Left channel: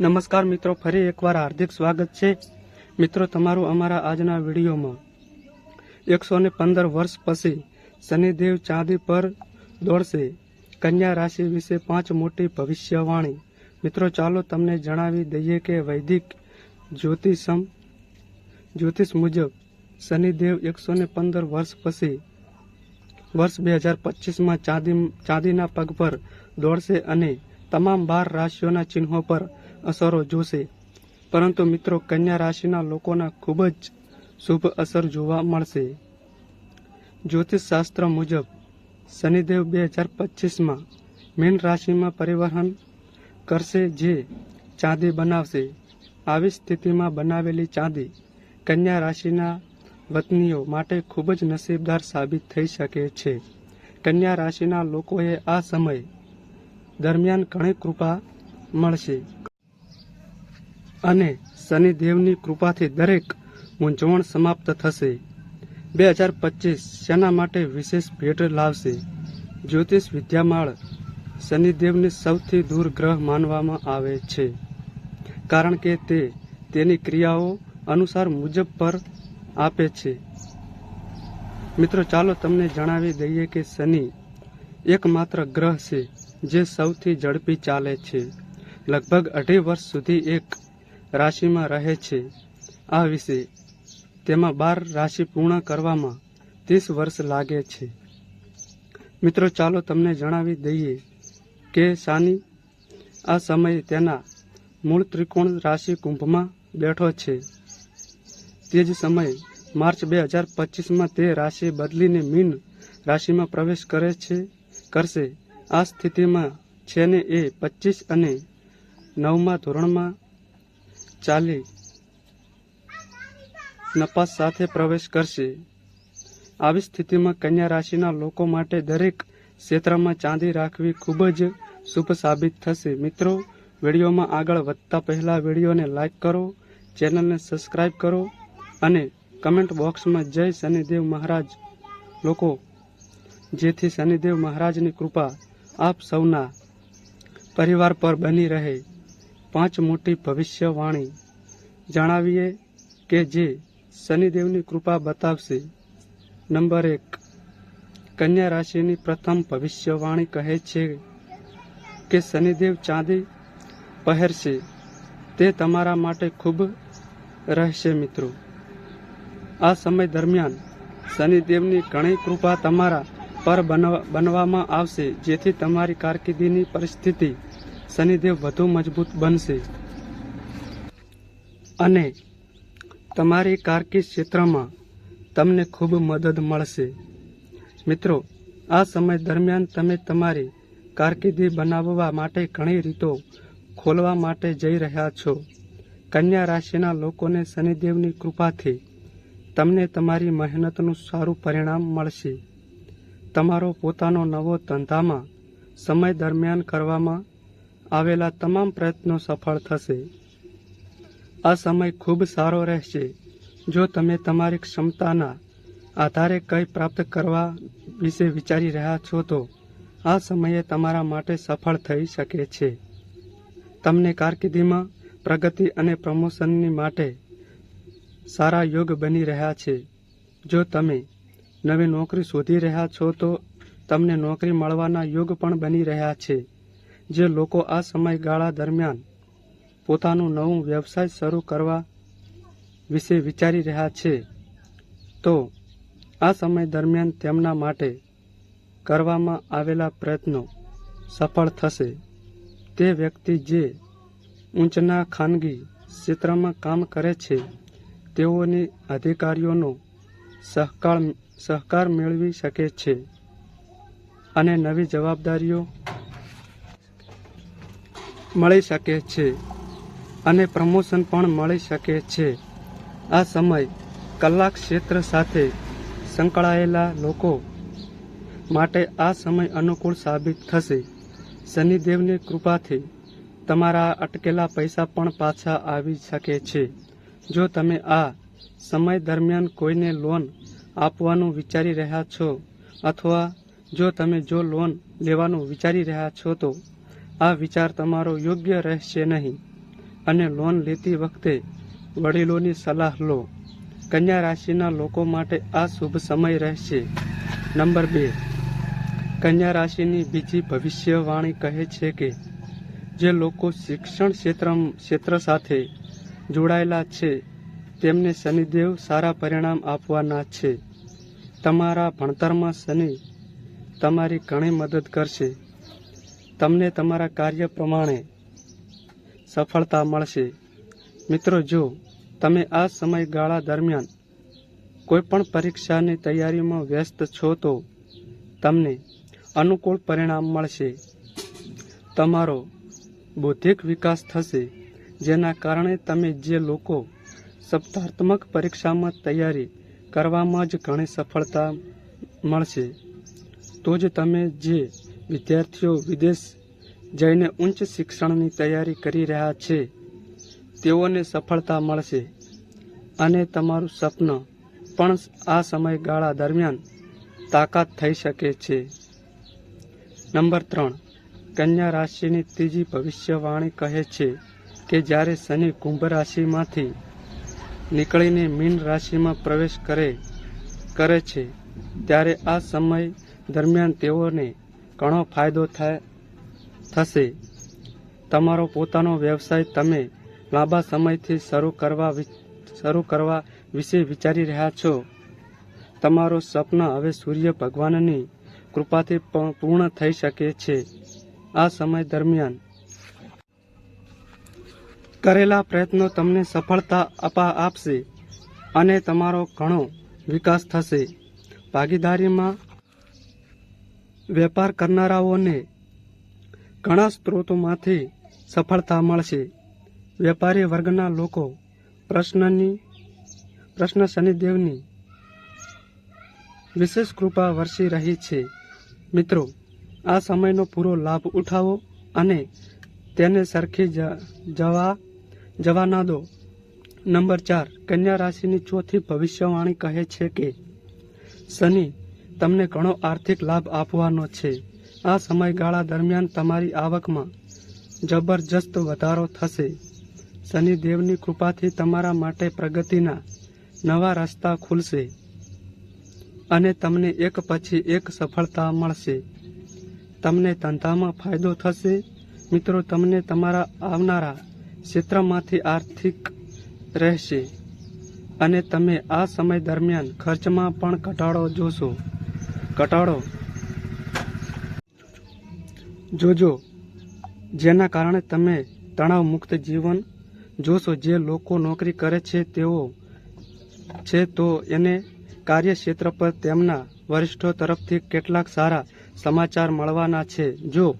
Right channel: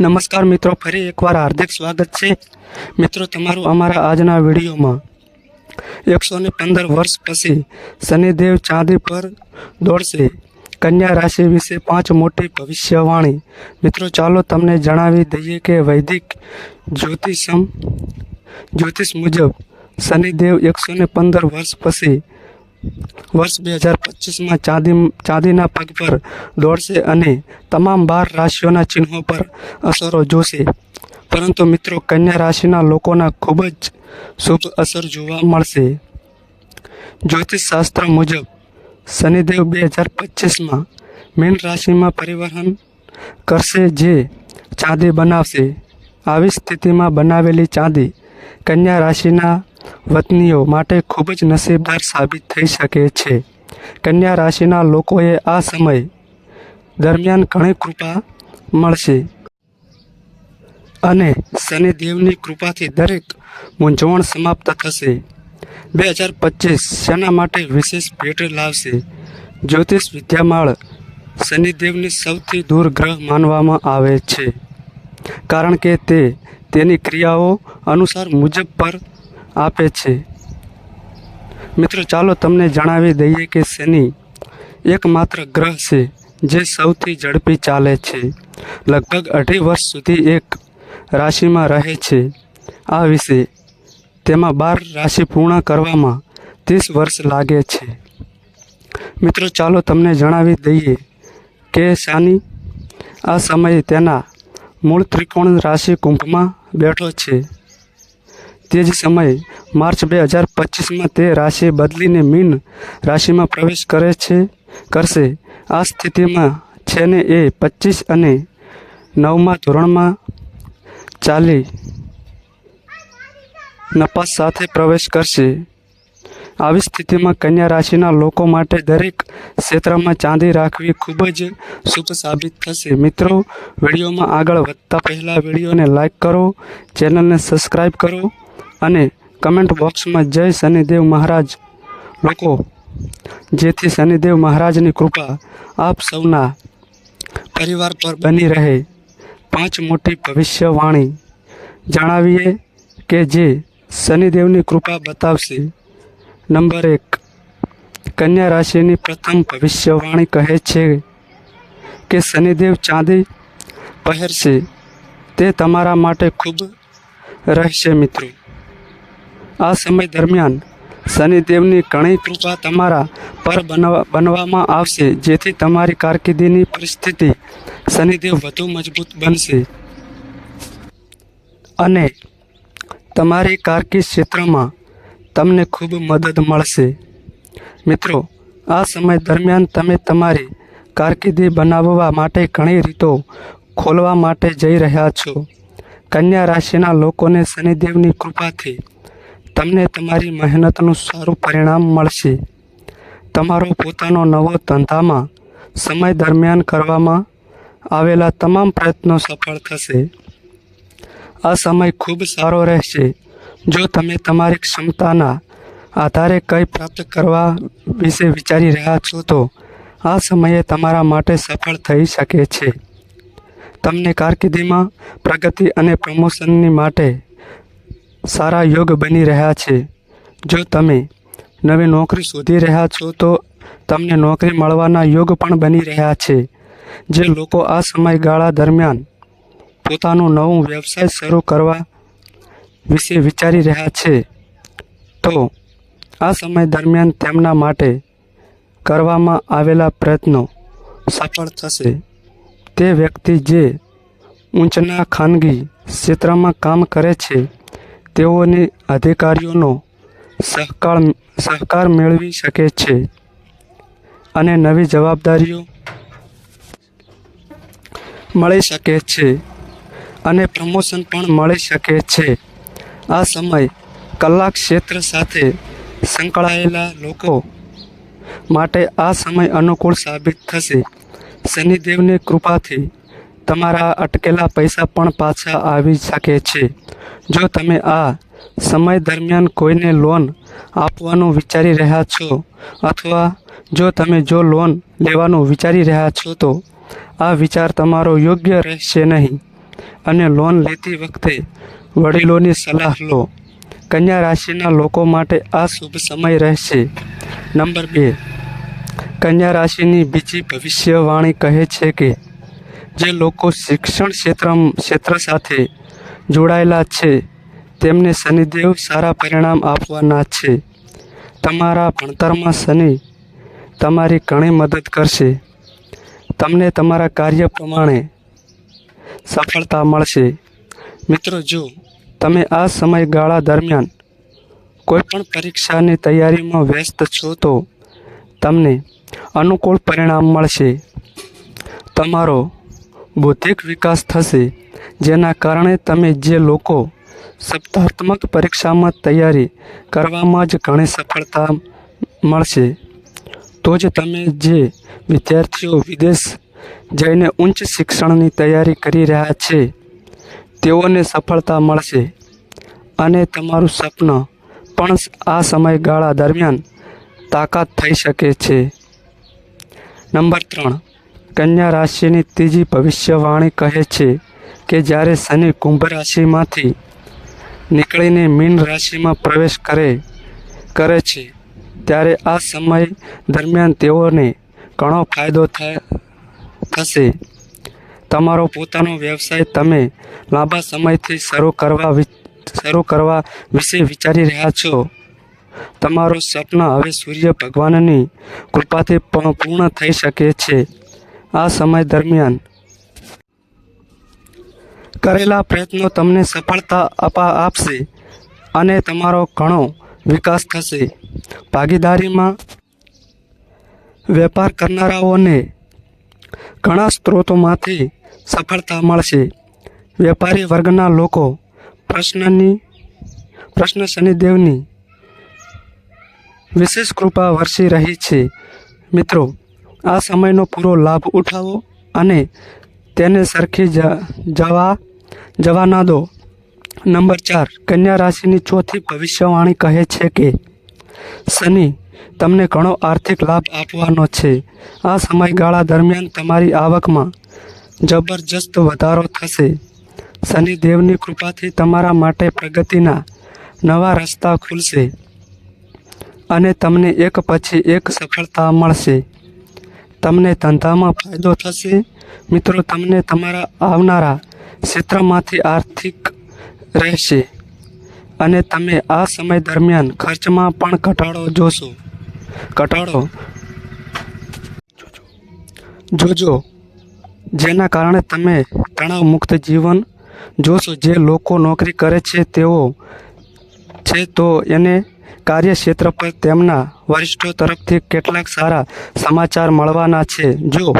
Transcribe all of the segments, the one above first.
નમસ્કાર મિત્રો, ફરી એકવાર હાર્દિક સ્વાગત છે. મિત્રો, તમારું અમારા આજના વિડીયોમાં એકસો ને પંદર વર્ષ પછી શનિદેવ ચાંદી પર દોડશે. કન્યા રાશિ વિશે પાંચ મોટી ભવિષ્યવાણી. મિત્રો, ચાલો તમને જણાવી દઈએ કે વૈદિક જ્યોતિષમ જ્યોતિષ મુજબ શનિદેવ એકસો ને પંદર વર્ષ પછી વર્ષ બે હજાર પચીસમાં ચાંદી ચાંદીના પગ પર દોડશે અને તમામ બાર રાશિઓના ચિહ્નો પર અસરો જોશે. પરંતુ મિત્રો, કન્યા રાશિના લોકોના ખૂબ જ શુભ અસર જોવા મળશે. જ્યોતિષશાસ્ત્ર મુજબ, શનિદેવ બે હજાર પચીસમાં મીન રાશિમાં પરિવહન કરશે જે ચાંદી બનાવશે. આવી સ્થિતિમાં બનાવેલી ચાંદી કન્યા રાશિના વતનીઓ માટે ખૂબ જ નસીબદાર સાબિત થઈ શકે છે. કન્યા રાશિના લોકોએ આ સમય દરમિયાન ઘણી કૃપા મળશે. અને શનિદેવની કૃપાથી દરેક મૂંઝવણ સમાપ્ત થશે. બે હજાર પચીસ શેના માટે વિશેષ ભેટ લાવશે? જ્યોતિષ વિદ્યામાળ શનિદેવને સૌથી દૂર ગ્રહ માનવામાં આવે છે. કારણ કે તે તેની ક્રિયાઓ અનુસાર મુજબ પર આપે છે. મિત્રો, ચાલો તમને જણાવી દઈએ કે શનિ એકમાત્ર ગ્રહ છે, જે સૌથી ઝડપી ચાલે છે. લગભગ અઢી વર્ષ સુધી એક રાશિમાં રહે છે. આ વિશે તેમાં બાર રાશિ પૂર્ણ કરવામાં ત્રીસ વર્ષ લાગે છે. મિત્રો, ચાલો તમને જણાવી દઈએ કે શાની આ સમયે તેના મૂળ ત્રિકોણ રાશિ કુંભમાં બેઠો છે. તે જ સમયે માર્ચ બે હજાર પચીસમાં તે રાશિ બદલીને મીન રાશિમાં પ્રવેશ કરે છે, કરશે. આ સ્થિતિમાં છે ને એ પચીસ અને નવમા ધોરણમાં ચાલી નપાસ સાથે પ્રવેશ કરશે. આવી સ્થિતિમાં કન્યા રાશિના લોકો માટે દરેક ક્ષેત્રમાં ચાંદી રાખવી ખૂબ જ શુભ સાબિત થશે. મિત્રો, વિડીયોમાં આગળ વધતા પહેલાં વિડીયોને લાઈક કરો, ચેનલને સબસ્ક્રાઈબ કરો. અને કમેન્ટ બોક્સમાં જય શનિદેવ મહારાજ. લોકો, જેથી શનિદેવ મહારાજની કૃપા આપ સૌના પરિવાર પર બની રહે. પાંચ મોટી ભવિષ્યવાણી. જણાવીએ કે જે શનિદેવની કૃપા બતાવશે. નંબર એક, કન્યા રાશિની પ્રથમ ભવિષ્યવાણી કહે છે કે શનિદેવ ચાંદી પહેરશે. તે તમારા માટે ખૂબ રહેશે મિત્રો આ સમય દરમિયાન શનિદેવની ઘણી કૃપા તમારા પર બનવા બનવામાં આવશે, જેથી તમારી કારકિર્દીની પરિસ્થિતિ શનિદેવ વધુ મજબૂત બનશે. અને તમારી કારકિર્દ ક્ષેત્રમાં તમને ખૂબ મદદ મળશે. મિત્રો, આ સમય દરમિયાન તમે તમારી કારકિર્દી બનાવવા માટે ઘણી રીતો ખોલવા માટે જઈ રહ્યા છો. કન્યા રાશિના લોકોને શનિદેવની કૃપાથી તમને તમારી મહેનતનું સારું પરિણામ મળશે. તમારો પોતાનો નવો ધંધામાં સમય દરમિયાન કરવામાં આવેલા તમામ પ્રયત્નો સફળ થશે. આ સમય ખૂબ સારો રહેશે. જો તમે તમારી ક્ષમતાના આધારે કંઈ પ્રાપ્ત કરવા વિશે વિચારી રહ્યા છો તો આ સમયે તમારા માટે સફળ થઈ શકે છે. તમને કારકિર્દીમાં પ્રગતિ અને પ્રમોશનની માટે સારા યોગ બની રહ્યા છે. જો તમે નવી નોકરી શોધી રહ્યા છો, તો તમને નોકરી મળવાના યોગ પણ બની રહ્યા છે. જે લોકો આ સમયગાળા દરમિયાન પોતાનું નવું વ્યવસાય શરૂ કરવા વિશે વિચારી રહ્યા છે, તો આ સમય દરમિયાન તેમના માટે કરવામાં આવેલા પ્રયત્નો સફળ થશે. તે વ્યક્તિ જે ઊંચના ખાનગી ક્ષેત્રમાં કામ કરે છે તેઓની અધિકારીઓનો સહકાર સહકાર મેળવી શકે છે. અને નવી જવાબદારીઓ મળી શકે છે. અને પ્રમોશન પણ મળી શકે છે. આ સમય કલા ક્ષેત્ર સાથે સંકળાયેલા લોકો માટે આ સમય અનુકૂળ સાબિત થશે. શનિદેવની કૃપાથી તમારા અટકેલા પૈસા પણ પાછા આવી શકે છે. જો તમે આ સમય દરમિયાન કોઈને લોન આપવાનું વિચારી રહ્યા છો અથવા જો તમે જો લોન લેવાનું વિચારી રહ્યા છો તો આ વિચાર તમારો યોગ્ય રહેશે નહીં. અને લોન લેતી વખતે વડીલોની સલાહ લો. કન્યા રાશિના લોકો માટે આ શુભ સમય રહેશે. નંબર બે. કન્યા રાશિની બીજી ભવિષ્યવાણી કહે છે કે જે લોકો શિક્ષણ ક્ષેત્ર ક્ષેત્ર સાથે જોડાયેલા છે. તેમને શનિદેવ સારા પરિણામ આપવાના છે. તમારા ભણતરમાં શનિ તમારી ઘણી મદદ કરશે. તમને તમારા કાર્ય પ્રમાણે સફળતા મળશે. મિત્રો, જો તમે આ સમયગાળા દરમિયાન કોઈપણ પરીક્ષાની તૈયારીમાં વ્યસ્ત છો, તો તમને અનુકૂળ પરિણામ મળશે. તમારો બૌદ્ધિક વિકાસ થશે. જેના કારણે તમે જે લોકો સપ્તાહાત્મક પરીક્ષામાં તૈયારી કરવામાં જ ઘણી સફળતા મળશે, તો જ તમે જે વિદ્યાર્થીઓ વિદેશ જઈને ઉચ્ચ શિક્ષણની તૈયારી કરી રહ્યા છે, તેઓને સફળતા મળશે. અને તમારું સ્વપ્ન પણ આ સમયગાળા દરમિયાન તાકાત થઈ શકે છે. નંબર ત્રણ, કન્યા રાશિની ત્રીજી ભવિષ્યવાણી કહે છે. કે જ્યારે શનિ કુંભ રાશિમાંથી નીકળીને મીન રાશિમાં પ્રવેશ કરે કરે છે, ત્યારે આ સમય દરમિયાન તેઓને ઘણો ફાયદો થશે. તમારો પોતાનો વ્યવસાય તમે લાંબા સમયથી શરૂ કરવા શરૂ કરવા વિશે વિચારી રહ્યા છો. તમારું સ્વપ્ન હવે સૂર્ય ભગવાનની કૃપાથી પણ પૂર્ણ થઈ શકે છે. આ સમય દરમિયાન કરેલા પ્રયત્નો તમને સફળતા અપા આપશે અને તમારો ઘણો વિકાસ થશે. ભાગીદારીમાં વેપાર કરનારાઓને ઘણા સ્ત્રોતોમાંથી સફળતા મળશે. વેપારી વર્ગના લોકો પ્રશ્નની, પ્રશ્ન શનિદેવની વિશેષ કૃપા વરસી રહી છે. મિત્રો, આ સમયનો પૂરો લાભ ઉઠાવો અને તેને સરખી જવા જવા ના દો. નંબર ચાર, કન્યા રાશિની ચોથી ભવિષ્યવાણી કહે છે કે, શનિ, તમને ઘણો આર્થિક લાભ આપવાનો છે. આ સમયગાળા દરમિયાન તમારી આવકમાં જબરજસ્ત વધારો થશે. શનિદેવની કૃપાથી તમારા માટે પ્રગતિના નવા રસ્તા ખુલશે અને તમને એક પછી એક સફળતા મળશે. તમને ધંધામાં ફાયદો થશે મિત્રો, તમને તમારા આવનારા ક્ષેત્રમાંથી આર્થિક રહેશે અને તમે આ સમય દરમિયાન ખર્ચમાં પણ ઘટાડો જોશો. ઘટાડો જોજો, જેના કારણે તમે તણાવ મુક્ત જીવન જોશો. જે લોકો નોકરી કરે છે, તેઓ છે તો એને કાર્યક્ષેત્ર પર તેમના વરિષ્ઠો તરફથી કેટલાક સારા સમાચાર મળવાના છે. જો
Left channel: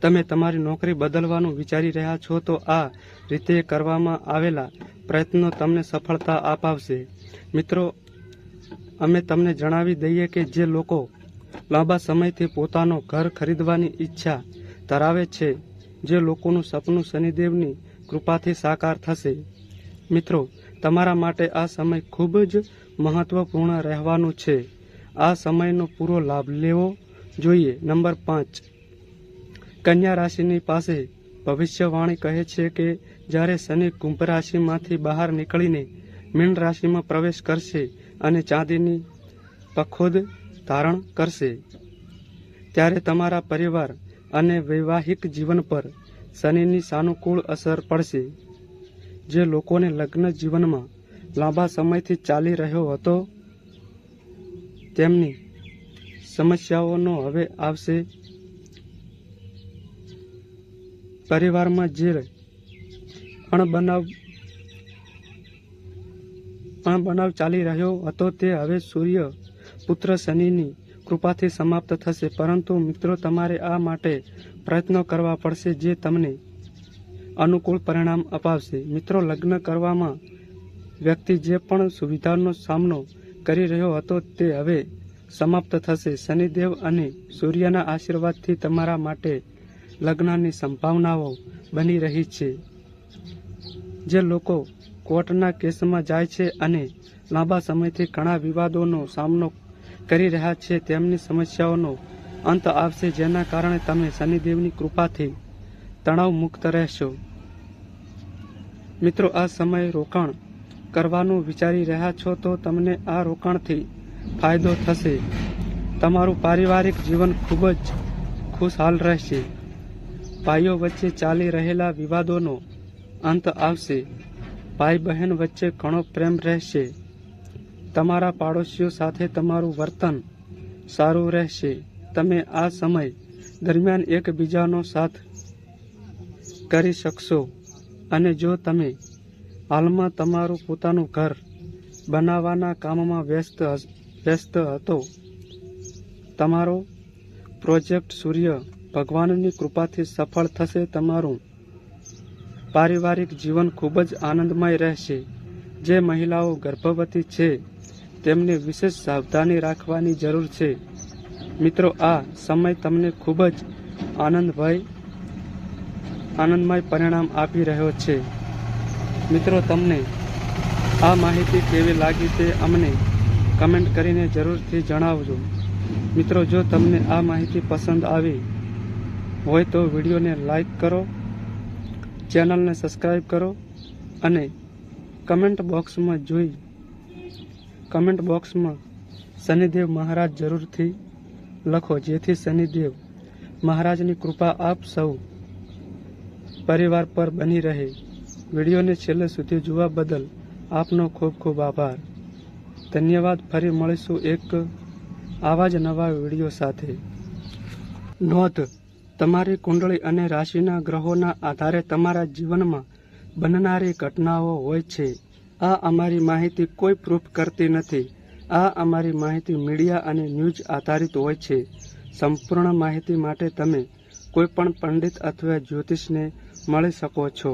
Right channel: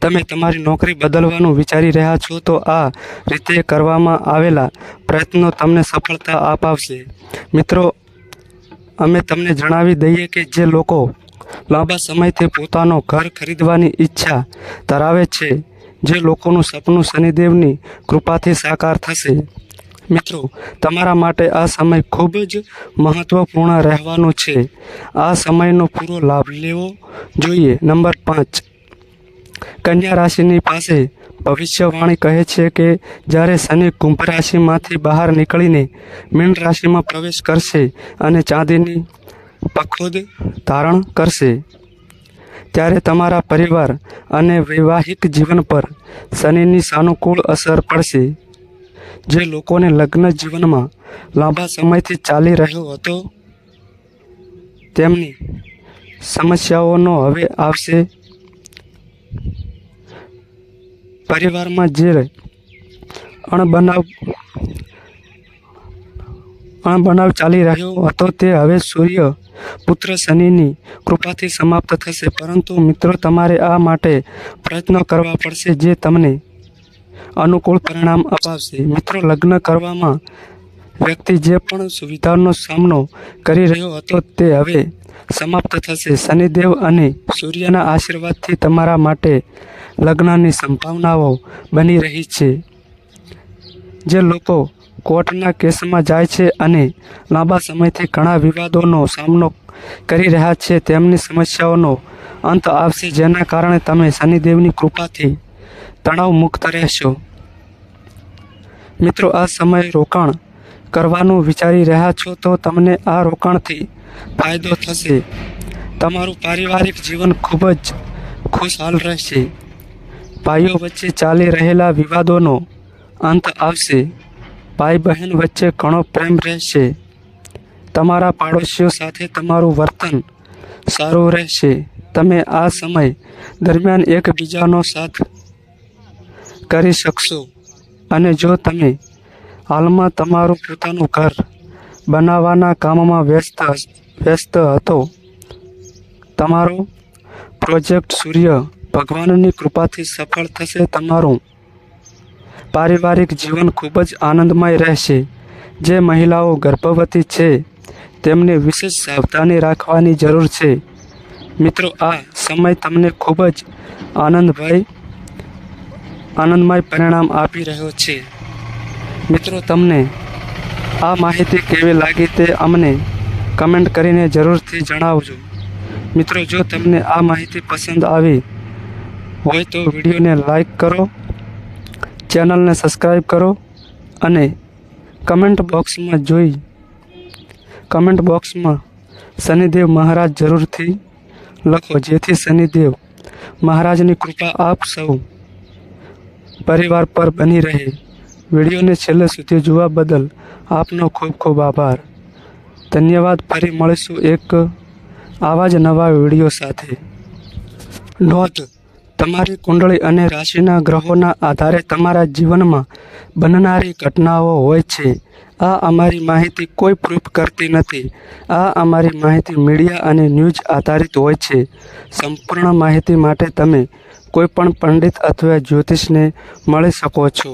તમે તમારી નોકરી બદલવાનું વિચારી રહ્યા છો, તો આ રીતે કરવામાં આવેલા પ્રયત્નો તમને સફળતા અપાવશે. મિત્રો, અમે તમને જણાવી દઈએ કે જે લોકો લાંબા સમયથી પોતાનો ઘર ખરીદવાની ઈચ્છા ધરાવે છે, જે લોકોનું સપનું શનિદેવની કૃપાથી સાકાર થશે. મિત્રો, તમારા માટે આ સમય ખૂબ જ મહત્વપૂર્ણ રહેવાનો છે. આ સમયનો પૂરો લાભ લેવો જોઈએ. નંબર પાંચ. કન્યા રાશિની પાસે ભવિષ્યવાણી કહે છે કે, જ્યારે શનિ કુંભ રાશિમાંથી બહાર નીકળીને મીન રાશિમાં પ્રવેશ કરશે અને ચાંદીની પખોદ ધારણ કરશે, ત્યારે તમારા પરિવાર અને વૈવાહિક જીવન પર શનિની સાનુકૂળ અસર પડશે. જે લોકોને લગ્ન જીવનમાં લાંબા સમયથી ચાલી રહ્યો હતો, તેમની સમસ્યાઓનો હવે આવશે. પરિવારમાં જે અણબનાવ અણબનાવ ચાલી રહ્યો હતો તે હવે સૂર્ય પુત્ર શનિની કૃપાથી સમાપ્ત થશે. પરંતુ મિત્રો, તમારે આ માટે પ્રયત્નો કરવા પડશે જે તમને અનુકૂળ પરિણામ અપાવશે. મિત્રો, લગ્ન કરવામાં વ્યક્તિ જે પણ સુવિધાનો સામનો કરી રહ્યો હતો તે હવે સમાપ્ત થશે. શનિદેવ અને સૂર્યના આશીર્વાદથી તમારા માટે લગ્નની સંભાવનાઓ બની રહી છે. જે લોકો કોર્ટના કેસમાં જાય છે અને લાંબા સમયથી ઘણા વિવાદોનો સામનો કરી રહ્યા છે, તેમની સમસ્યાઓનો અંત આવશે, જેના કારણે તમે શનિદેવની કૃપાથી તણાવ મુક્ત રહેશો. મિત્રો, આ સમયે રોકાણ કરવાનું વિચારી રહ્યા છો તો તમને આ રોકાણથી ફાયદો થશે. તમારું પારિવારિક જીવન ખૂબ જ ખુશહાલ રહેશે. ભાઈઓ વચ્ચે ચાલી રહેલા વિવાદોનો અંત આવશે. ભાઈ બહેન વચ્ચે ઘણો પ્રેમ રહેશે. તમારા પાડોશીઓ સાથે તમારું વર્તન સારું રહેશે. તમે આ સમય દરમિયાન એકબીજાનો સાથ કરી શકશો? અને જો તમે હાલમાં તમારું પોતાનું ઘર બનાવવાના કામમાં વ્યસ્ત વ્યસ્ત હતો, તમારો પ્રોજેક્ટ સૂર્ય ભગવાનની કૃપાથી સફળ થશે, તમારું પારિવારિક જીવન ખૂબ જ આનંદમય રહેશે. જે મહિલાઓ ગર્ભવતી છે, તેમને વિશેષ સાવધાની રાખવાની જરૂર છે. મિત્રો, આ સમય તમને ખૂબ જ આનંદભય આનંદમય પરિણામ આપી રહ્યો છે. મિત્રો, તમને આ માહિતી કેવી લાગી તે અમને કમેન્ટ કરીને જરૂરથી જણાવજો. મિત્રો, જો તમને આ માહિતી પસંદ આવી હોય તો વિડીયોને લાઈક કરો, ચેનલને સબસ્ક્રાઈબ કરો અને કમેન્ટ બોક્સમાં જોઈ કમેન્ટ બોક્સમાં શનિદેવ મહારાજ જરૂરથી લખો, જેથી શનિદેવ મહારાજની કૃપા આપ સૌ પરિવાર પર બની રહે. વિડીયોને છેલ્લે સુધી જોવા બદલ આપનો ખૂબ ખૂબ આભાર. ધન્યવાદ, ફરી મળીશું એક આવા જ નવા વીડિયો સાથે. નોંધ, તમારી કુંડળી અને રાશિના ગ્રહોના આધારે તમારા જીવનમાં બનનારી ઘટનાઓ હોય છે. આ અમારી માહિતી કોઈ પ્રૂફ કરતી નથી. આ અમારી માહિતી મીડિયા અને ન્યૂઝ આધારિત હોય છે. સંપૂર્ણ માહિતી માટે તમે કોઈ પણ પંડિત અથવા જ્યોતિષને મળી શકો છો.